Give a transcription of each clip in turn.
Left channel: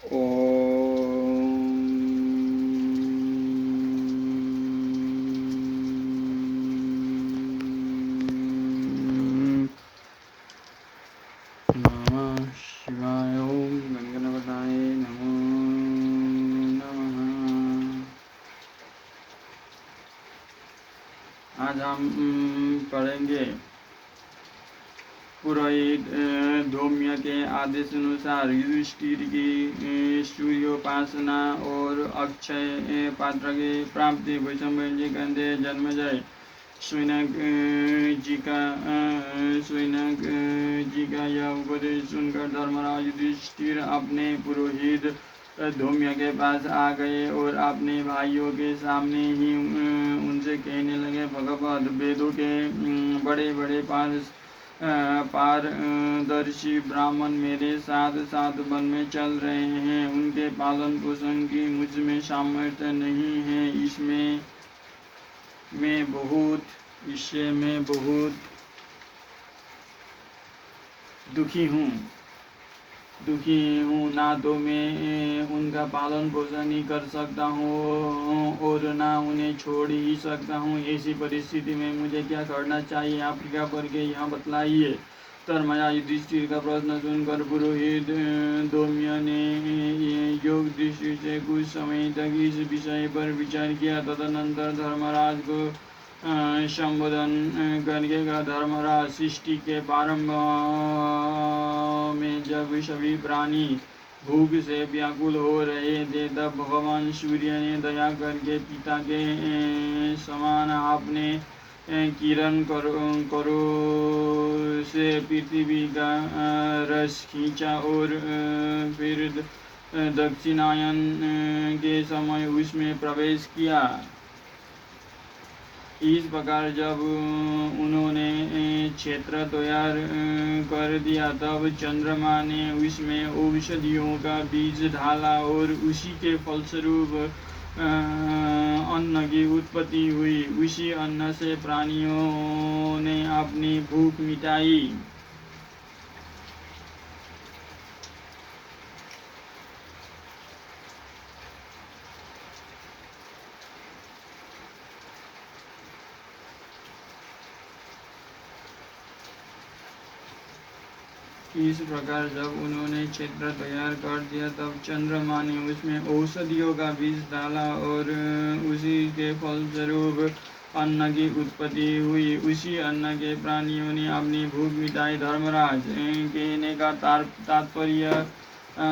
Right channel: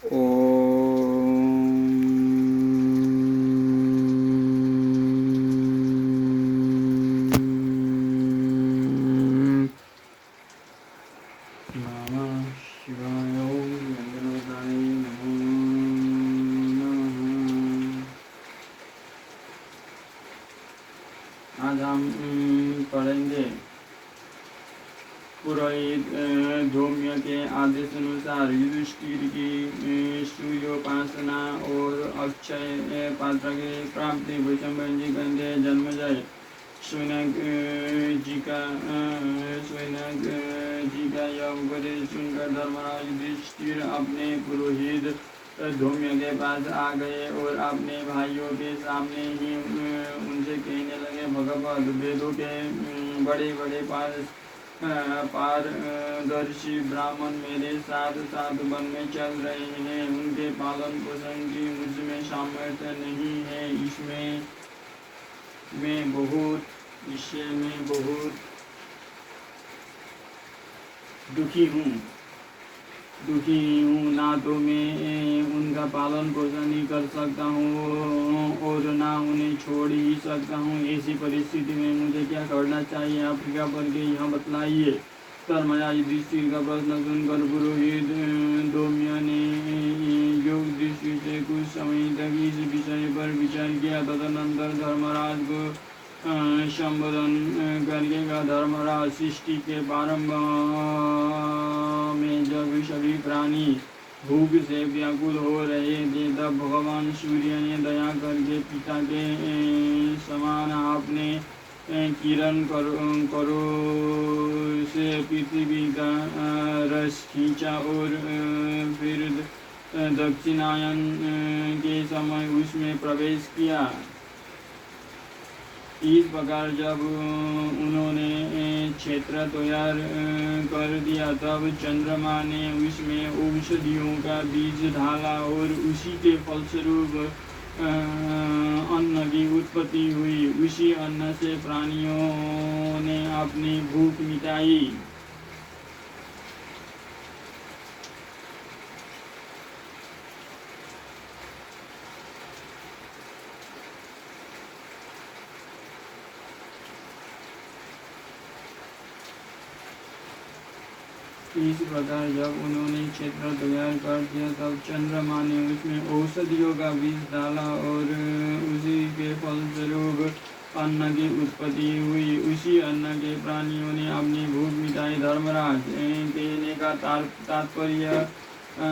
आज हम पढ़ेंगे पुरोहित धौम्य के आदेश अनुसार युधिष्ठिर की सूर्योपासना और अक्षय पात्र की प्राप्ति। वैशंपायन जी कहते हैं, जन्मेजय शौनक जी का यह उपदेश सुनकर धर्मराज युधिष्ठिर अपने पुरोहित धौम्य के पास आ गए और अपने भाइयों के सामने ही उनसे कहने लगे, भगवत वेदों के बड़े बड़े पारदर्शी ब्राह्मण मेरे साथ साथ वन में चल रहे हैं। उनके पालन पोषण की मुझ में सामर्थ्य नहीं है। इससे मैं बहुत दुखी हूँ। ना तो मैं उनका पालन पोषण ही कर सकता हूँ और ना उन्हें छोड़ ही सकता हूँ। ऐसी परिस्थिति में मुझे क्या करना चाहिए, आप कृपा करके यह बतलाइए। धर्मराज युधिष्ठिर का प्रश्न सुनकर पुरोहित धौम्य ने योग दृष्टि से कुछ समय तक इस विषय पर विचार किया। तदनंतर धर्मराज को संबोधन करके कहा, धर्मराज, सृष्टि के प्रारंभ में जब सभी प्राणी भूख से व्याकुल हो रहे थे, तब भगवान सूर्य ने दया करके पिता के समान अपने किरण करो से पृथ्वी का रस खींचा और फिर दक्षिणायन के समय उसमें प्रवेश किया। इस प्रकार जब उन्होंने क्षेत्र तैयार कर दिया, तब चंद्रमा ने उसमें औषधियों का बीज डाला और उसी के फलस्वरूप अन्न की उत्पत्ति हुई। उसी अन्न से प्राणियों ने अपनी भूख मिटाई। इस प्रकार जब उन्होंने क्षेत्र तैयार कर दिया, तब चंद्रमा ने उसमें औषधियों का बीज डाला और उसी के फलस्वरूप अन्न की उत्पत्ति हुई। उसी अन्न के प्राणियों ने अपनी भूख मिटाई। धर्मराज, कहने का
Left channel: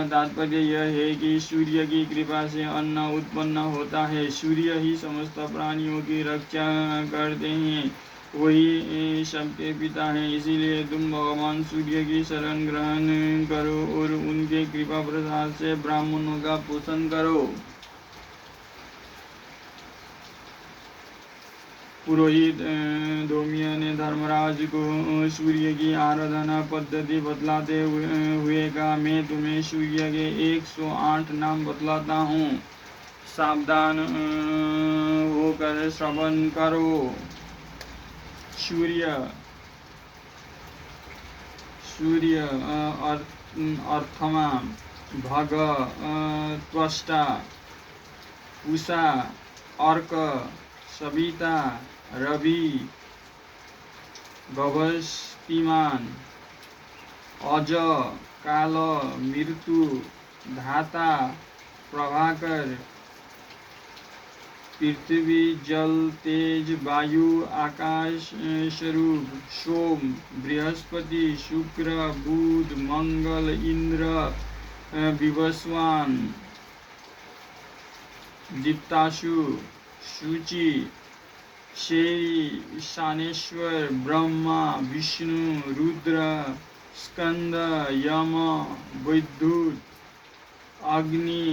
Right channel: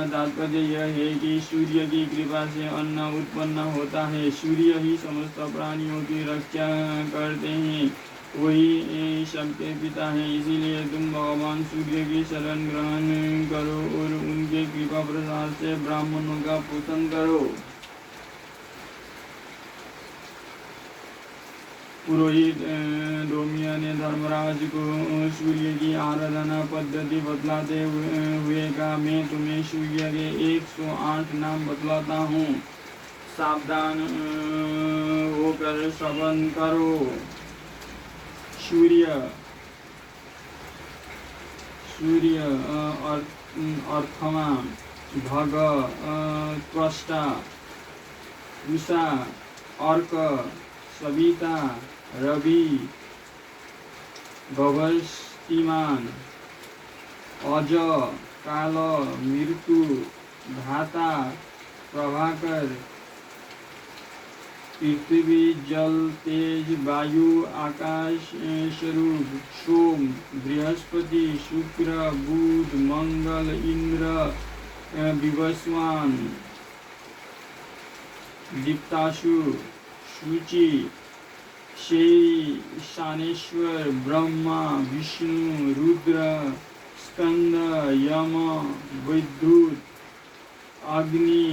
तात्पर्य यह है कि सूर्य की कृपा से अन्न उत्पन्न होता है। सूर्य ही समस्त प्राणियों की रक्षा करते हैं, वही सबके पिता हैं। इसीलिए तुम भगवान सूर्य की शरण ग्रहण करो और उनके कृपा प्रसाद से ब्राह्मणों का पोषण करो। पुरोहित धौम्य ने धर्मराज को सूर्य की आराधना पद्धति बतलाते हुए कहा, मैं तुम्हें सूर्य के 108 नाम बतलाता हूँ, सावधान होकर श्रवण करो। सूर्य अर्थमा, भग, त्वष्टा, उषा, अर्क, सविता, रवि, भवस्तिमान, अज, काल, मृत्यु, धाता, प्रभाकर, पृथ्वी, जल, तेज, वायु, आकाश स्वरूप, सोम, बृहस्पति, शुक्र, बुध, मंगल, इंद्र, विवस्वान, दीप्ताशु, शुचि, शेरी, शानेश्वर, ब्रह्मा, विष्णु, रुद्र, स्कंद, यम, वैद्युत, अग्नि,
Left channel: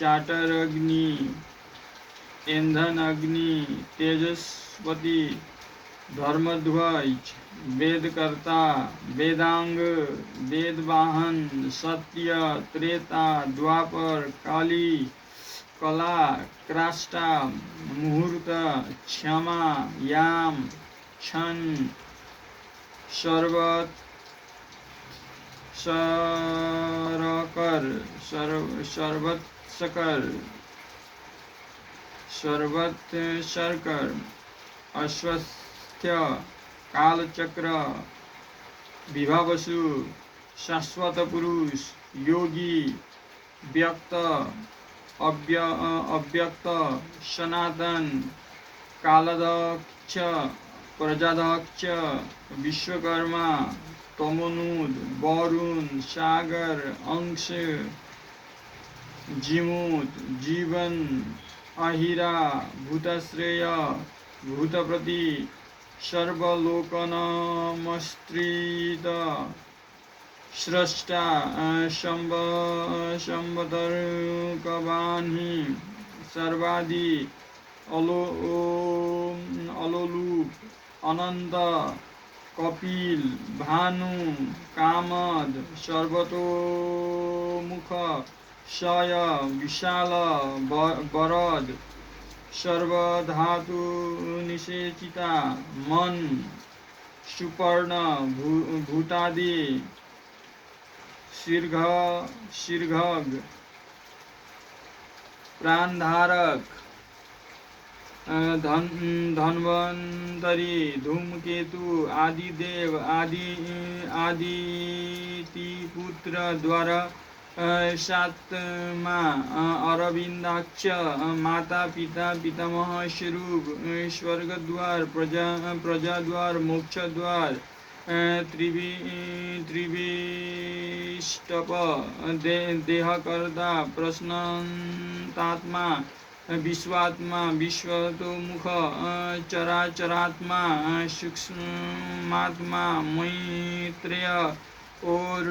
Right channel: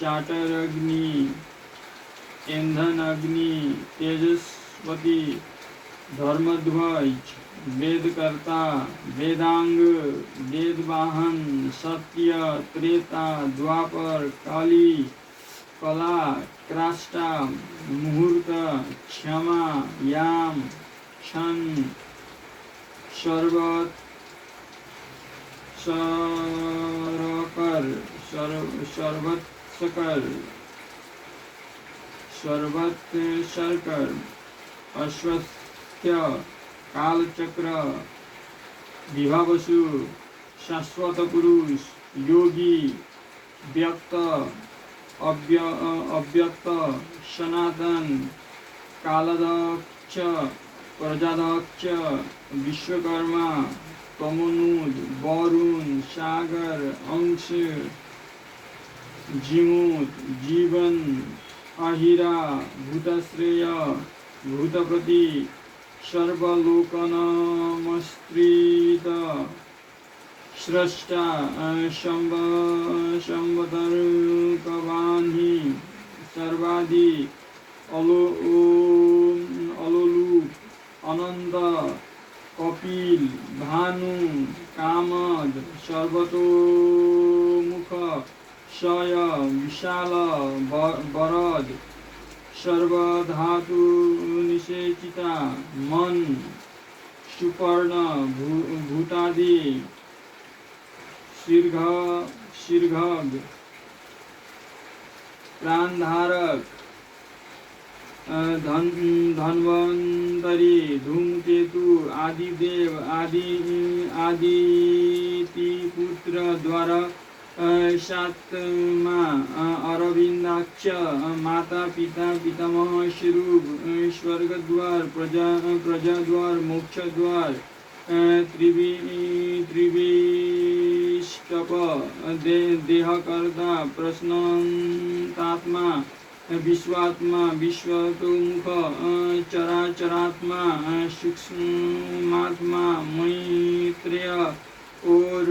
जाटर अग्नि, ईंधन अग्नि, तेजस्वती, धर्मध्वज, वेदकर्ता, वेदांग, वेदवाहन, सत्य, त्रेता, द्वापर, काली, कला, क्राष्टा, मुहूर्त, क्षमा, याम, क्षण, शरबत, सरकर शरबत शकर शरबत शर्कर अश्वस्थ्य कालचक्र विभावसु शाश्वत पुरुष योगी व्यक्त अव्यक्त सनातन कालदक्ष प्रजादक्ष विश्वकर्मा तमोनुद वरुण सागर अंश जीमूत जीवन अहिरा भूतश्रेय भूतप्रति सर्वलोकनमस्त्रीत स्रष्टा शंबतर्कवान्हि सर्वादि अलोलूप अनंत कपिल भानु कामद सर्वतोमुख शय विशाल वरद सर्वधातु निषेचिता मन सुपर्ण भूतादि शीर्घग प्राणधारक धन्वंतरी धूमकेतु आदिदेव आदितिपुत्र द्वारा सात्मा अरविंदाक्ष माता पिता पितामह स्वरूप स्वर्ग द्वार प्रजा द्वार मोक्ष द्वार त्रिविष्टप देहकर्ता प्रश्नातात्मा विश्वात्मा विश्वतोमुख चराचरात्मा सूक्ष्मात्मा मैत्रेय और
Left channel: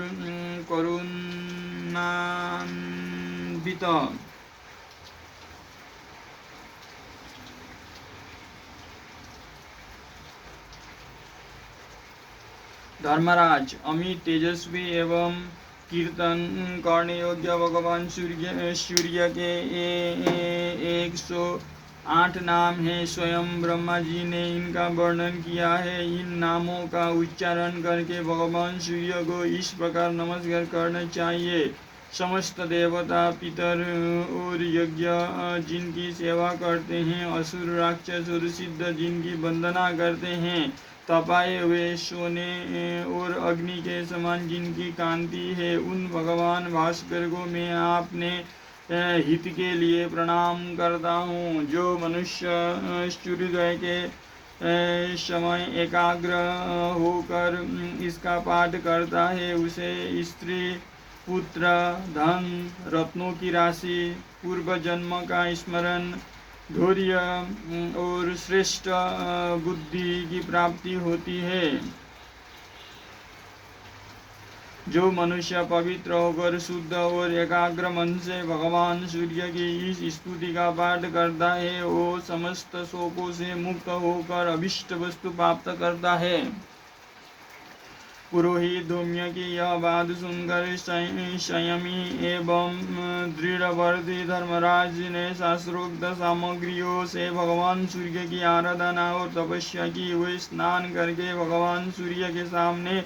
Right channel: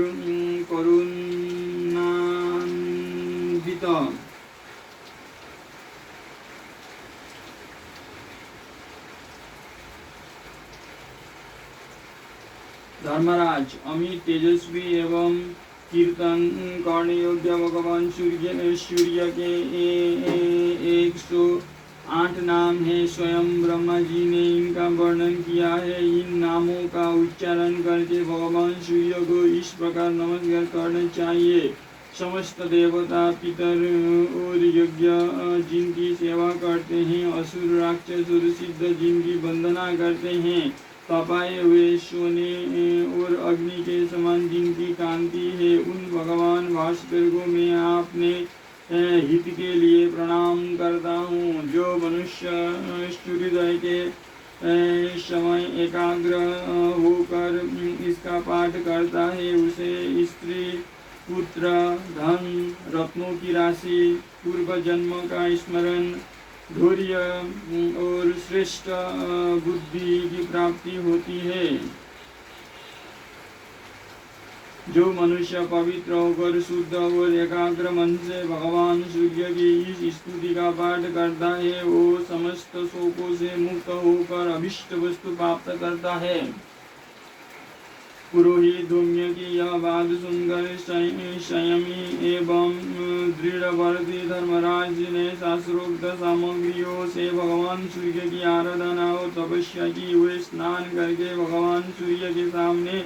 करुणान्वित धर्मराज अमित तेजस्वी एवं कीर्तन करने योग्य भगवान सूर्य के 108 नाम है। स्वयं ब्रह्मा जी ने इनका वर्णन किया है। इन नामों का उच्चारण करके भगवान सूर्य को इस प्रकार नमस्कार करना चाहिए। समस्त देवता पितर और यज्ञ जिनकी सेवा करते हैं, असुर राक्षस और सिद्ध जिनकी वंदना करते हैं, तपाए हुए सोने और अग्नि के समान जिनकी कांति है, उन भगवान भास्कर को मैं आपने हित के लिए प्रणाम करता हूँ। जो मनुष्य सूर्योदय के समय एकाग्र होकर इसका पाठ करता है, उसे स्त्री पुत्र धन रत्नों की राशि पूर्व जन्म का स्मरण धैर्य और श्रेष्ठ बुद्धि की प्राप्ति होती है। जो मनुष्य पवित्र होकर शुद्ध और एकाग्र मन से भगवान सूर्य की इस स्तुति का पाठ करता है, वो समस्त शोकों से मुक्त होकर अभिष्ट वस्तु प्राप्त करता है। पुरोहित धूम्य की यह बात सुनकर संयमी एवं दृढ़व्रती धर्मराज ने शास्त्रोक्त सामग्रियों से भगवान सूर्य की आराधना और तपस्या की। वे स्नान करके भगवान सूर्य के सामने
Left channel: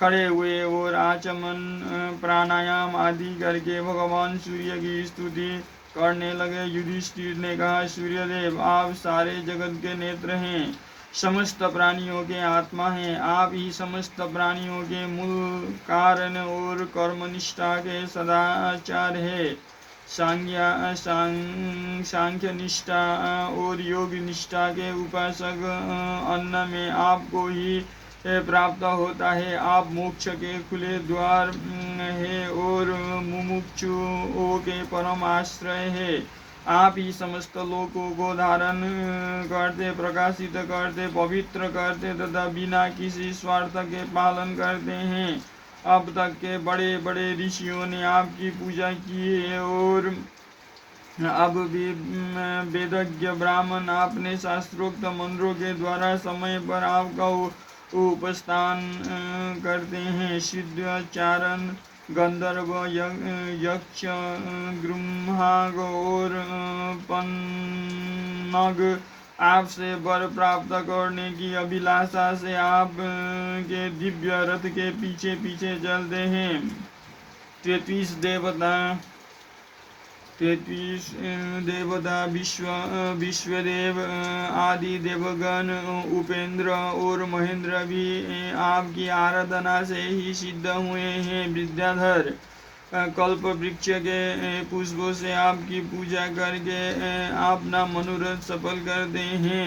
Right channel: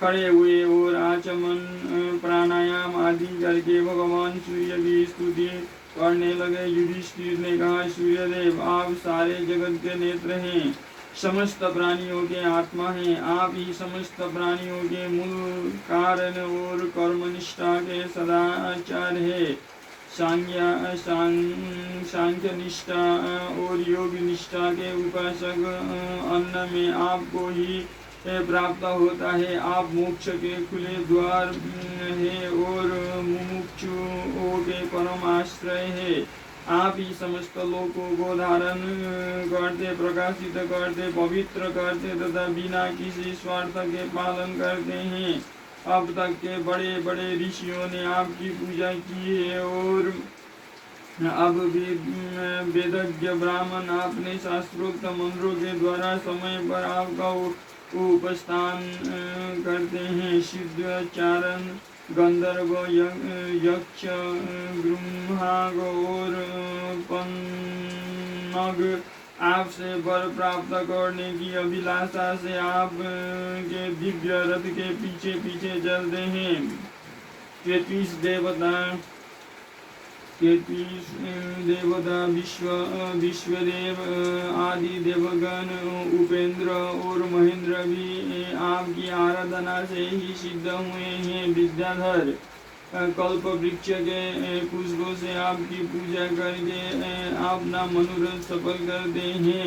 खड़े हुए और आचमन प्राणायाम आदि करके भगवान सूर्य की स्तुति करने लगे। युधिष्ठिर ने कहा, सूर्यदेव आप सारे जगत के नेत्र हैं, समस्त प्राणियों के आत्मा हैं, आप ही समस्त प्राणियों के मूल कारण और कर्मनिष्ठा के सदाचार है। सांख्य निष्ठा और योग निष्ठा के उपासक अन्न में आपको ही प्राप्त होता है। आप मोक्ष के खुले द्वार है और मुमुक्षुओं के परम आश्रय है। आप ही समस्त लोकों को धारण करते, प्रकाशित करते, पवित्र करते तथा बिना किसी स्वार्थ के पालन करते हैं। अब तक के बड़े बड़े ऋषियों ने आपकी पूजा की है और अब भी वेदज्ञ ब्राह्मण आपने शास्त्रोक्त मंत्रों के द्वारा समय पर आपका उपस्थान करते हैं। सिद्धाचारण गंधर्व यक्ष गृह्णाग और पन्नग आपसे वर प्राप्त करने की अभिलाषा से आप के दिव्य रथ के पीछे पीछे चलते हैं। 33 देवता विश्वदेव आदि देवगण उपेंद्र और महेंद्र भी आपकी आराधना से ही सिद्ध हुए हैं। विद्याधर कल्प वृक्ष के पुष्पों से आपकी पूजा करके अपना मनोरथ सफल करते हैं।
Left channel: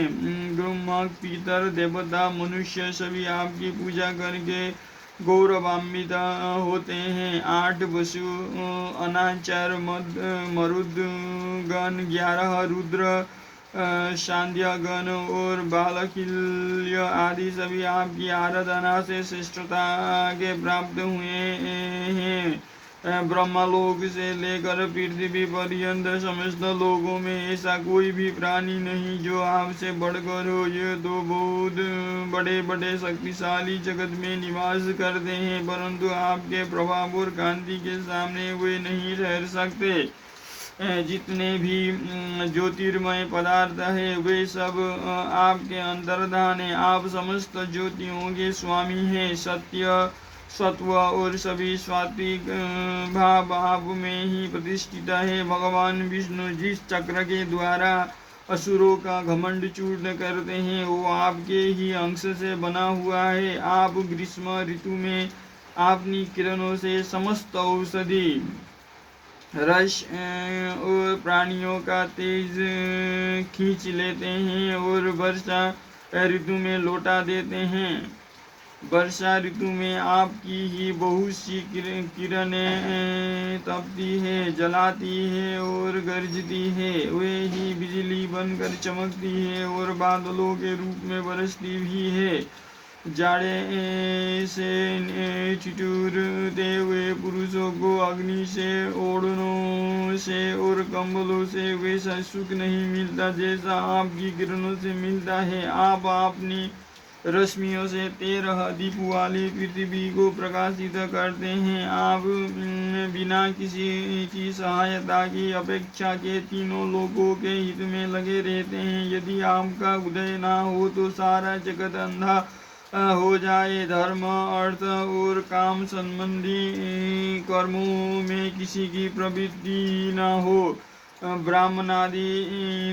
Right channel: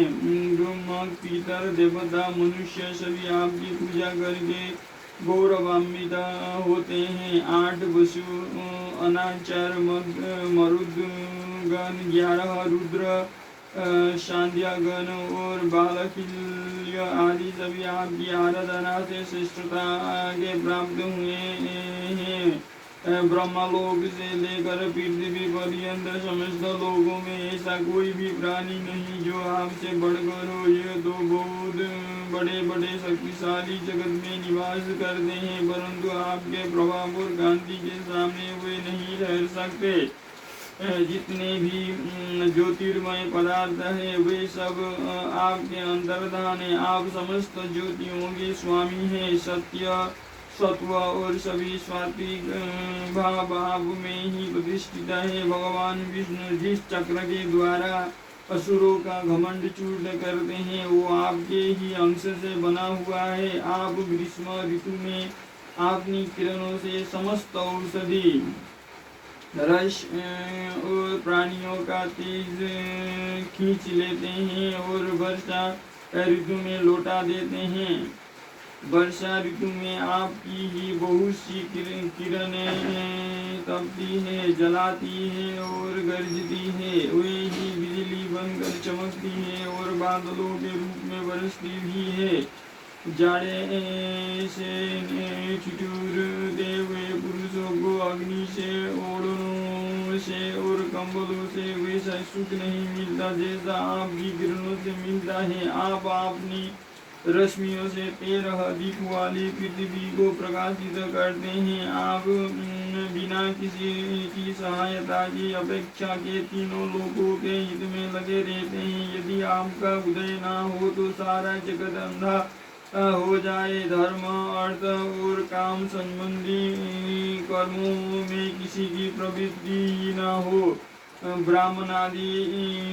ब्रह्मा पितर देवता मनुष्य सभी आपकी पूजा करके गौरवान्वित होते हैं। 8 वसु अनाचार मरुदगण 11 रुद्र सांध्यगण और बालकिल्य आदि सभी आपकी आराधना से श्रेष्ठता के प्राप्त हुए हैं। ब्रह्मलोक से लेकर पृथ्वी पर्यंत समस्त लोगों में ऐसा कोई भी प्राणी नहीं जो आपसे बढ़कर हो। ये तो बहुत बड़े बड़े शक्तिशाली जगत में निवास करते हैं, परंतु आपके प्रभाव और कांति के सामने वे नहीं ठहर सकते। जितने भी ज्योतिर्मय पदार्थ है वे सब आपके अंतर्धान है। आप समस्त ज्योतियों के स्वामी हैं। सत्य सत्व और सभी सात्विक भाव आप में ही प्रतिष्ठित है। भगवान विष्णु जिस चक्र के द्वारा असुरों का घमंड चूर्ण करते हैं वो आपके ही अंश से बना हुआ है। आप ग्रीष्म ऋतु में अपनी किरणों से समस्त औषधि रस और प्राणियों का तेज खींच लेते हैं और वर्षा ऋतु में लौटा देते हैं। वर्षा ऋतु में आपकी ही बहुत सी किरणें तपती है, जलाती है और गरजती है। वे ही बिजली बनकर चमकती है और बादलों के रूप में बरसती भी है। जाड़े से ठिठुरते हुए पुरुषों को अग्नि से, ओढ़नों से और कंबलों से वैसा सुख नहीं मिलता जैसा आपकी किरणों से मिलता है। आप अपनी रश्मियों से 13 दीप वाली पृथ्वी को प्रकाशित करते हैं। आप बिना किसी की सहायता की अपेक्षा के तीनों लोगों के हित में लगे रहते हैं। यदि आपका उदय ना हो तो सारा जगत अंधा हो जाए। धर्म अर्थ और काम संबंधी कर्मों में किसी की प्रवृत्ति न हो। ब्राह्मणादि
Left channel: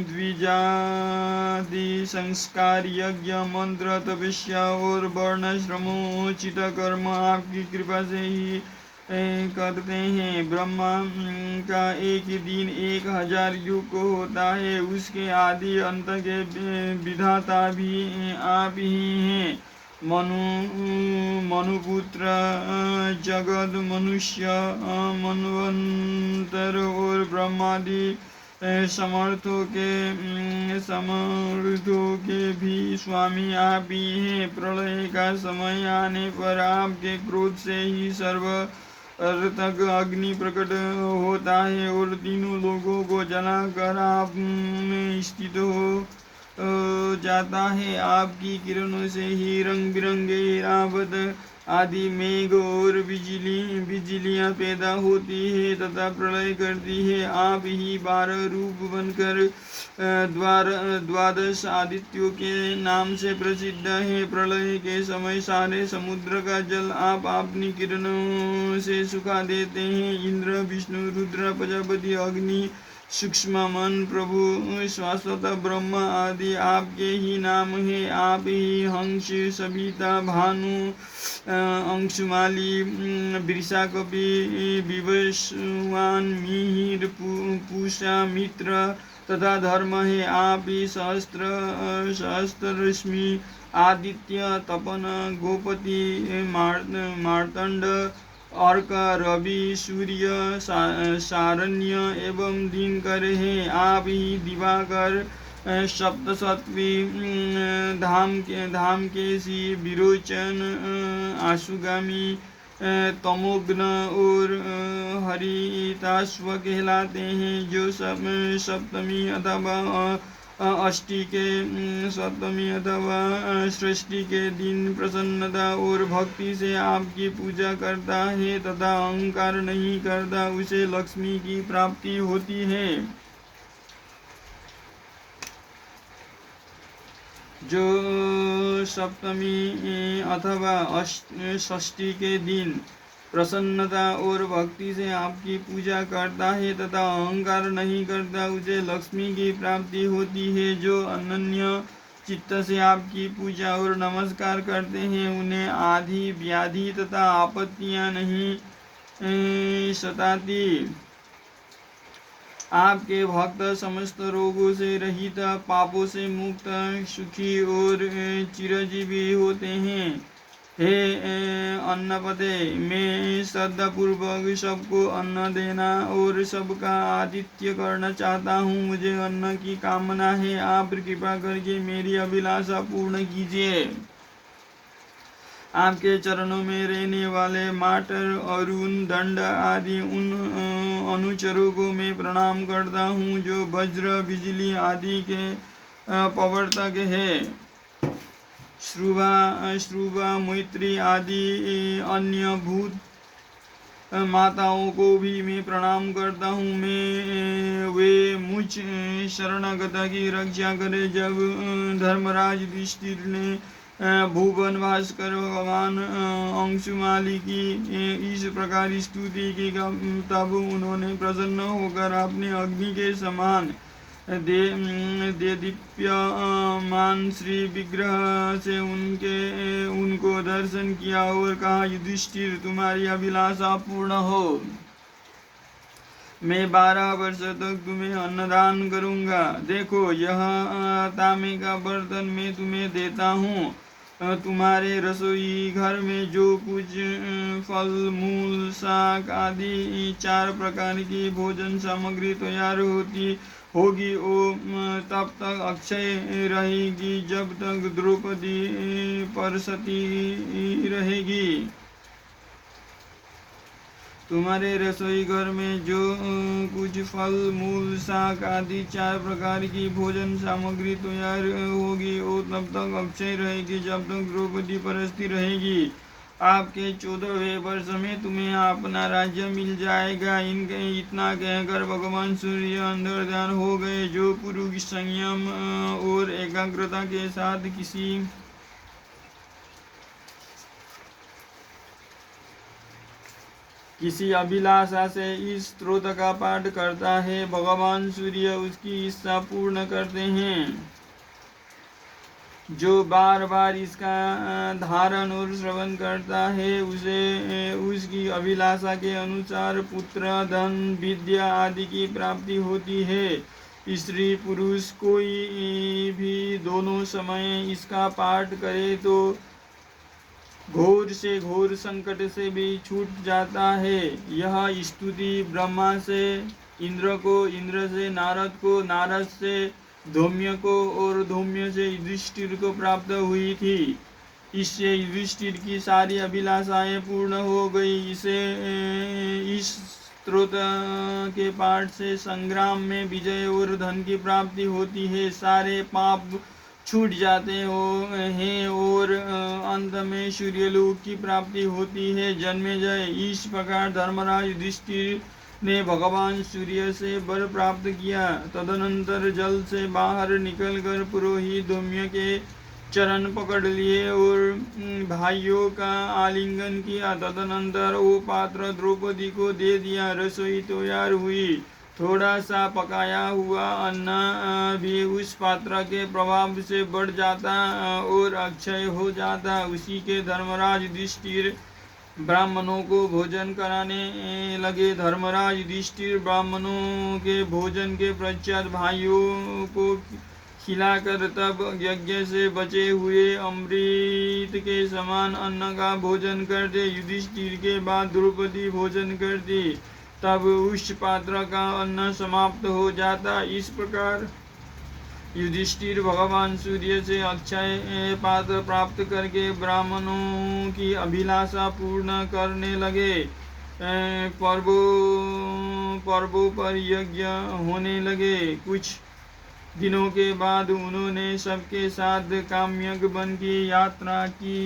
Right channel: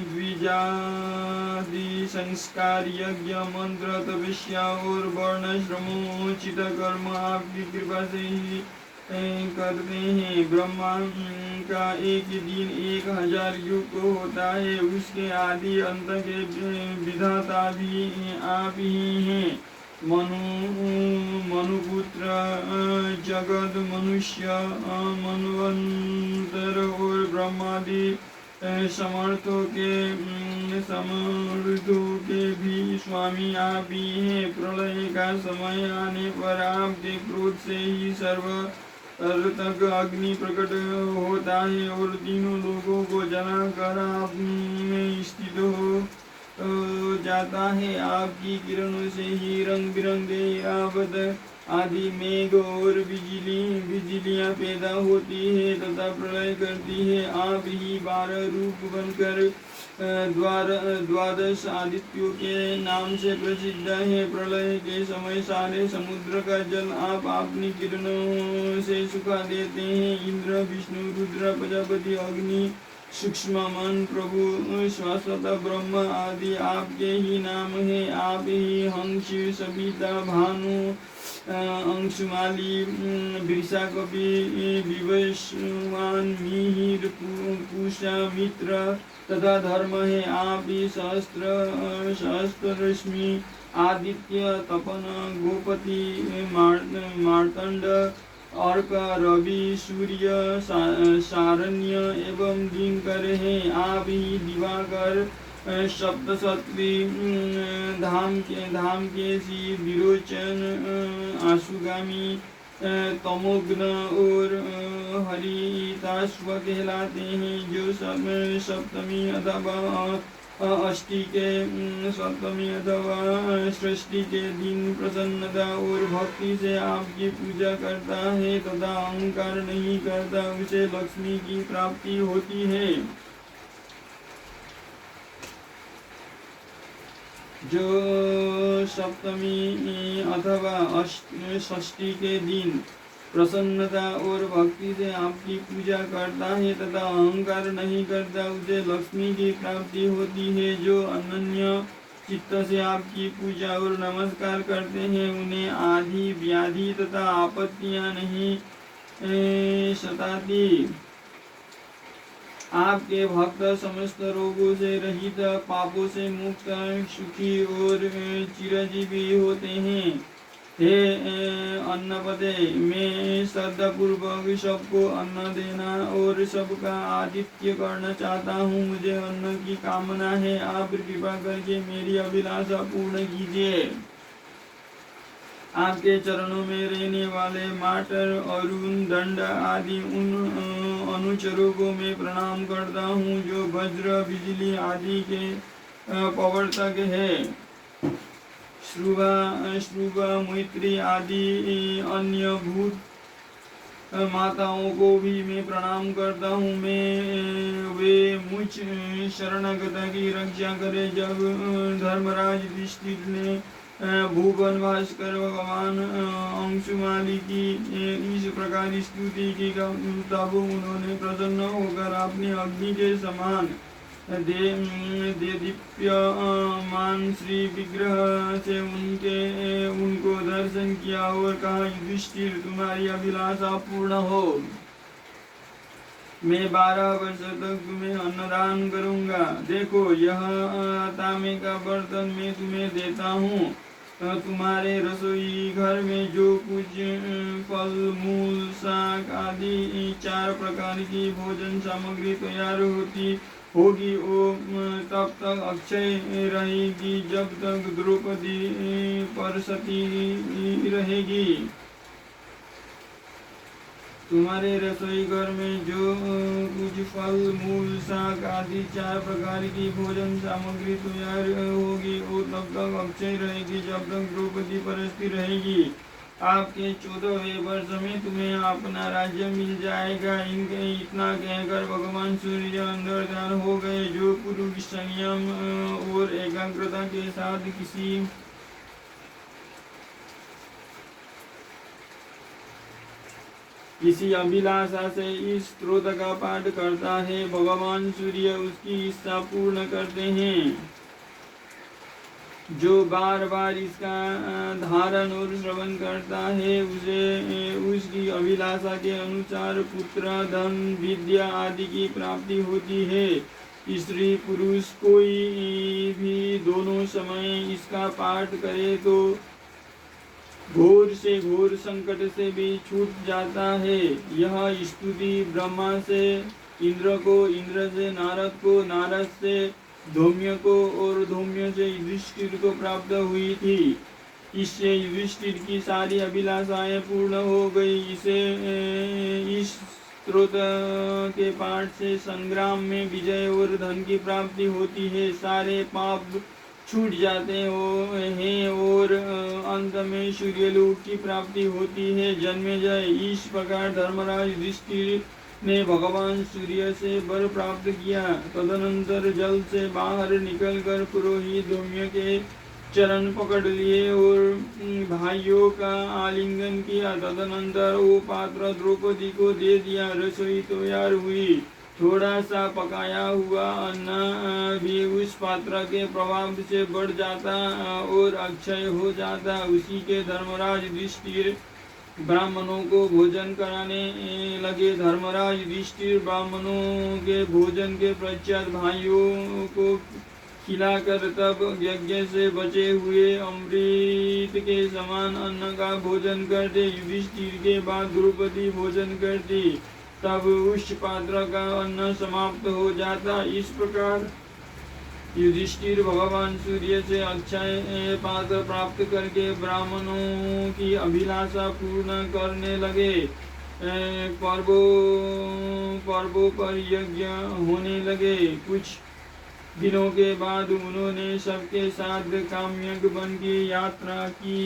द्विजादि संस्कार यज्ञ मंत्र तपस्या और वर्णाश्रमोचित कर्म आपकी कृपा से ही करते हैं। ब्रह्मा का एक दिन 1000 युग होता है। उसके आदि अंत के विधाता भी आप ही हैं। मनुपुत्र जगत मनुष्य मनवंतर और ब्रह्मादि समर्थों के भी स्वामी आप ही हैं। प्रलय का समय आने पर आपके क्रोध से ही सर्व तक अग्नि प्रकट होता है और तीनों लोगों को जलाकर आप में स्थित हो जाता है। आपकी किरणों से ही रंग बिरंगे रावत आदि मेघ और बिजलियां पैदा होती है तथा प्रलय करती है। आप ही 12 रूप बनकर 12 आदित्यों के नाम से प्रसिद्ध है। प्रलय के समय सारे समुद्र का जल आप अपनी किरणों से सुखा देते हैं। इंद्र विष्णु रुद्र प्रजापति अग्नि सूक्ष्म मन प्रभु शाश्वत ब्रह्म आदि आपके ही नाम है। आप ही हंस सविता भानु अंशुमाली वृषा कपि विवस्वान मिहिर पूषा मित्र तथा धर्म है। आप ही सहस्त्र रश्मि आदित्य तपन गोपति मार्तंड अर्क रवि सूर्य सारण्य एवं दिनकर है। आप ही दिवाकर सप्तसत्वी धाम केसी विरोचन आशुगामी तमोग्न और हरिताश्व कहलाते हैं। जो सप्तमी अथवा सप्तमी अथवा सृष्टि के दिन प्रसन्नता और भक्ति से आपकी पूजा करता है तथा अहंकार नहीं करता उसे लक्ष्मी की प्राप्ति होती है। जो सप्तमी अथवा षष्ठी के दिन प्रसन्नता और भक्ति से आपकी पूजा करता है तथा अहंकार नहीं करता, उसे लक्ष्मी की प्राप्ति होती है। जो अनन्य चित्त से आपकी पूजा और नमस्कार करते हैं, उन्हें आदि व्याधि तथा आपत्तियां नहीं सताती। आपके भक्त समस्त रोगों से रहित, पापों से मुक्त, सुखी और चिरजीवी होते हैं। हे अन्नपते, मैं श्रद्धापूर्वक सबको अन्न देना और सबका आतिथ्य करना चाहता हूँ। मुझे अन्न की कामना है, आप कृपा करके मेरी अभिलाषा पूर्ण कीजिए। आपके चरणों में रहने वाले माटर, अरुण, दंड आदि उन अनुचरों को मैं प्रणाम करता हूँ जो वज्र, बिजली आदि के प्रवर्तक है। श्रुवा, मैत्री आदि अन्य भूत माताओं को भी मैं प्रणाम करता हूँ। वे मुझ शरणागत की रक्षा करे। जब धर्मराज युधिष्ठिर ने भुवन भास्कर भगवान अंशुमाली की इस प्रकार स्तुति की, तब उन्होंने प्रसन्न होकर अपने अग्नि के समान देदीप्यमान श्री विग्रह से उनको दर्शन किया और कहा, युधिष्ठिर, तुम्हारी अभिलाषा पूर्ण हो। मैं 12 वर्ष तक तुम्हें अन्नदान करूंगा। देखो, यह तांबे का बर्तन मैं तुम्हें देता हूँ। तुम्हारे रसोई घर में जो कुछ फल, मूल, शाक आदि 4 प्रकार की भोजन सामग्री तैयार होगी, वो तब तक अक्षय रहेगी जब तक द्रौपदी परसती रहेगी। तुम्हारे रसोई घर में जो कुछ फल, मूल, शाक आदि 4 प्रकार की भोजन सामग्री तैयार होगी, वो तब तक अक्षय रहेगी जब तक द्रौपदी परसती रहेगी। आपके 14वें वर्ष में तुम्हें अपना राज्य मिल जाएगा। इतना कहकर भगवान सूर्य अंतर्धान हो गए। जो पुरुष संयम और एकाग्रता के साथ किसी अभिलाषा से इस स्तोत्र का पाठ करता है, भगवान सूर्य उसकी इच्छा पूर्ण करते हैं। जो बार बार इसका धारण और श्रवण करता है, उसे उसकी अभिलाषा के अनुसार पुत्र, धन, विद्या आदि की प्राप्ति होती है। स्त्री पुरुष कोई भी दोनों समय इसका पाठ करे तो घोर से घोर संकट से भी छूट जाता है। यह स्तुति ब्रह्मा से इंद्र को, इंद्र से नारद को, नारद से धौम्य को और धौम्य से युधिष्ठिर को प्राप्त हुई थी। इससे युधिष्ठिर की सारी अभिलाषाएं पूर्ण हो गई। इस स्तोत्र के पाठ से संग्राम में विजय और धन की प्राप्ति होती है। सारे पाप छूट जाते हैं और अंत में सूर्यलोक की प्राप्ति होती है। जन्मेजय, इस प्रकार धर्मराज युधिष्ठिर ने भगवान सूर्य से वर प्राप्त किया। तदनंतर जल से बाहर निकलकर पुरोहित धौम्य के चरण पकड़ लिए और भाइयों का आलिंगन किया। तदनंतर वो पात्र द्रौपदी को दे दिया। रसोई तैयार हुई। थोड़ा सा पकाया हुआ अन्न भी उस पात्र के प्रभाव से बढ़ जाता और अक्षय हो जाता। उसी के धर्मराज युधिष्ठिर ब्राह्मणों को भोजन कराने लगे। धर्मराज युधिष्ठिर ब्राह्मणों के भोजन के पश्चात भाइयों को खिलाकर तब यज्ञ से बचे हुए अमृत के समान अन्न का भोजन करते। युधिष्ठिर के बाद द्रौपदी भोजन करती, तब उस पात्र का अन्न समाप्त हो जाता। इस प्रकार युधिष्ठिर भगवान सूर्य से अक्षय पात्र प्राप्त करके ब्राह्मणों की अभिलाषा पूर्ण करने लगे। पर्वों पर यज्ञ होने लगे। कुछ दिनों के बाद उन्होंने सबके साथ काम्यक वन की यात्रा की।